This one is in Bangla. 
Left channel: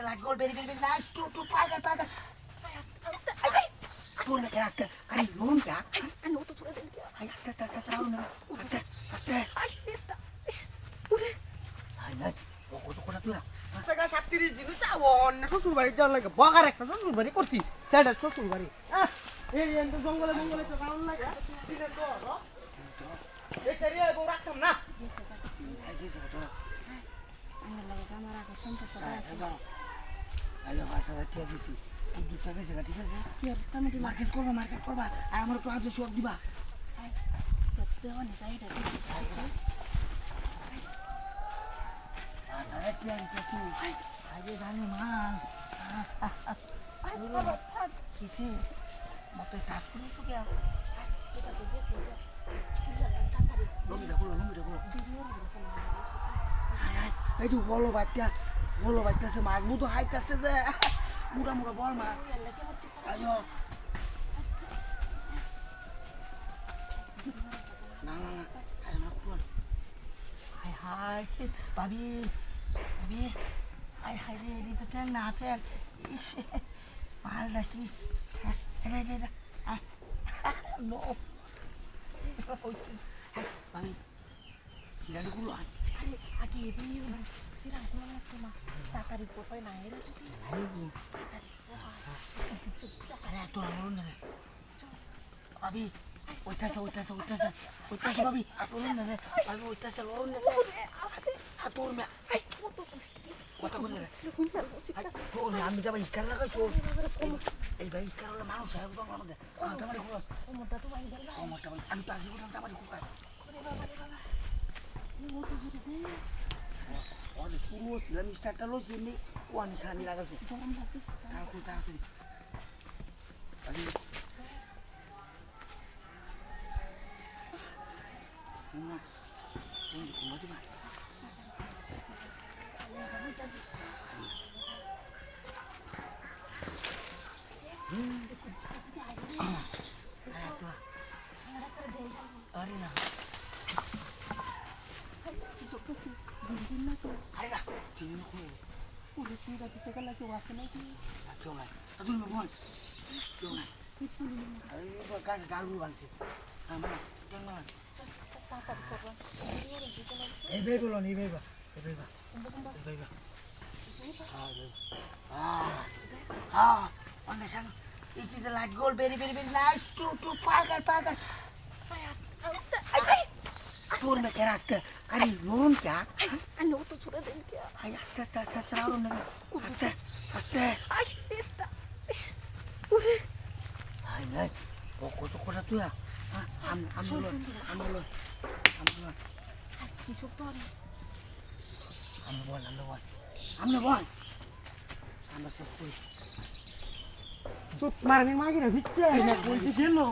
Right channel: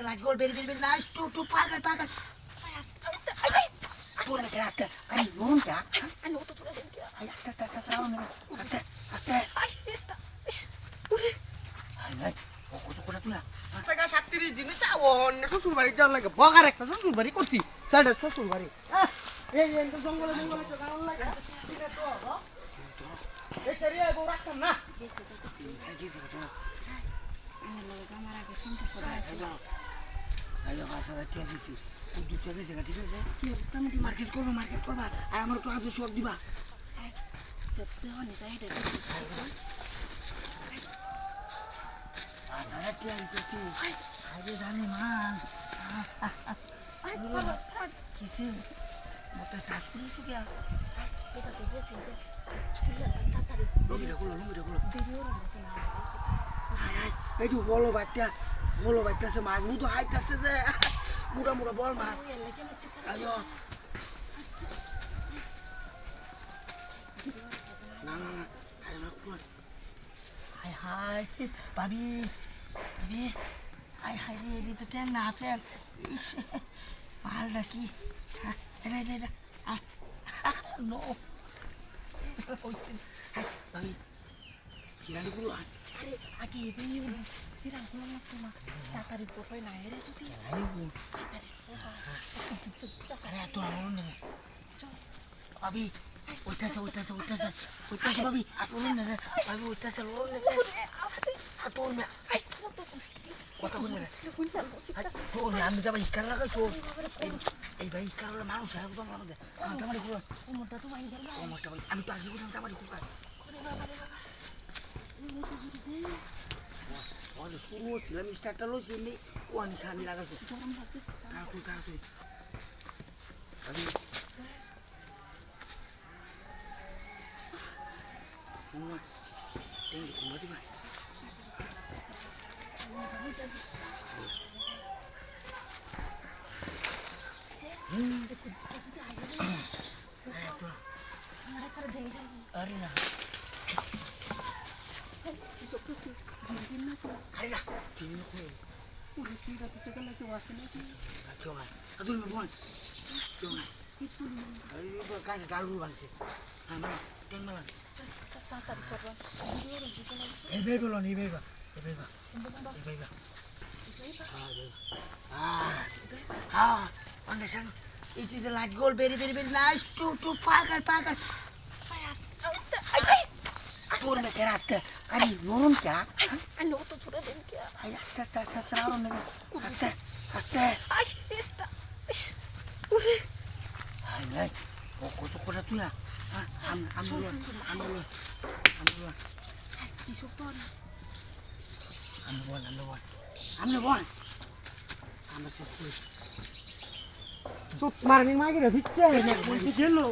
is like gold, very, very, very nice. To pagal. Turun ke atas. Kali turun ke? Ano to pura din kya? Ay, atas, raun. Atas. Ay, esta. Ay, কত তুই? টাকা 37 দিন চাওন শ্বশুর বাড়ি যাওয়ার লাগে বগার একটা শ্বশুর বাড়ি করতি সেটা শ্বশুর বাড়ি এই তো জঙ্গলে তো কারণ লাগে এটা তো এই তেরিয়া বউ রাখতাম না গেছে তো আমার লাগে আমার আগে সম্পর্ক আছে আইও বাসা দিয়ে দিছি দুধ চা গেছে ঠিক আছে তুমি কি মার্কেট করবা আর আমার তো আজ শোক দিবা দেখতে হনি সাইডে আরে কি করছি আগে জানি মান আই বাবা থাক কিসে মতে কাজ করিস তো কে এটা তো গেছে তাড়াতাড়ি নুমিটা করো ভিডিও এই যে হলো বাচ্চা মাছ মুতো হাইতাছে যে মুড়া বল মাছ আইও না আই আমার কোন হাই ভাবি হাই রে এটি তো ট্যাং না ফেল ইস মালটা কি এটা নো হাই ভাবি কিরানি গুলো আরে আগে ভিডিও ফিরান কোন না তোমা তাড়াতাড়ি ফটোই না এরে সুতি আরে এত আমার নেই ভাবি ওইটাছে ভাবি আসুন না ভাবি ওইটাছে লোন না তোর মে কথা বল না তোর আমি যাবা ইকার লাগাই তোর এই ভাই ইকার হলে মানুষ হয় তো আমাদের আমাদের কোন ওমটা তো ভাই গেল ওমটা ভাই আমি তো আগে কোন আমাদের কোন ওরে বাবা ওরে শুরু হচ্ছিল আমি স্টার্টটা লইছি নি ওয়ান খানি লাগাইছো গরম লাগছে তারপর আমি Mama, tinggi kumah di mana? Ini beba. Understand? It is a light gold, very, very, very nice. To pagal. Fast. Tur me keraste. Kali lorun kya? Ano to pura din kya? Ay, asta raun na. Asta. Ay, esta. Ay. Koko tu ya. Am duluan. Kisok to. Am duluan. Am sesuai. Sut marning magi na hicce. Nek kunti gelo,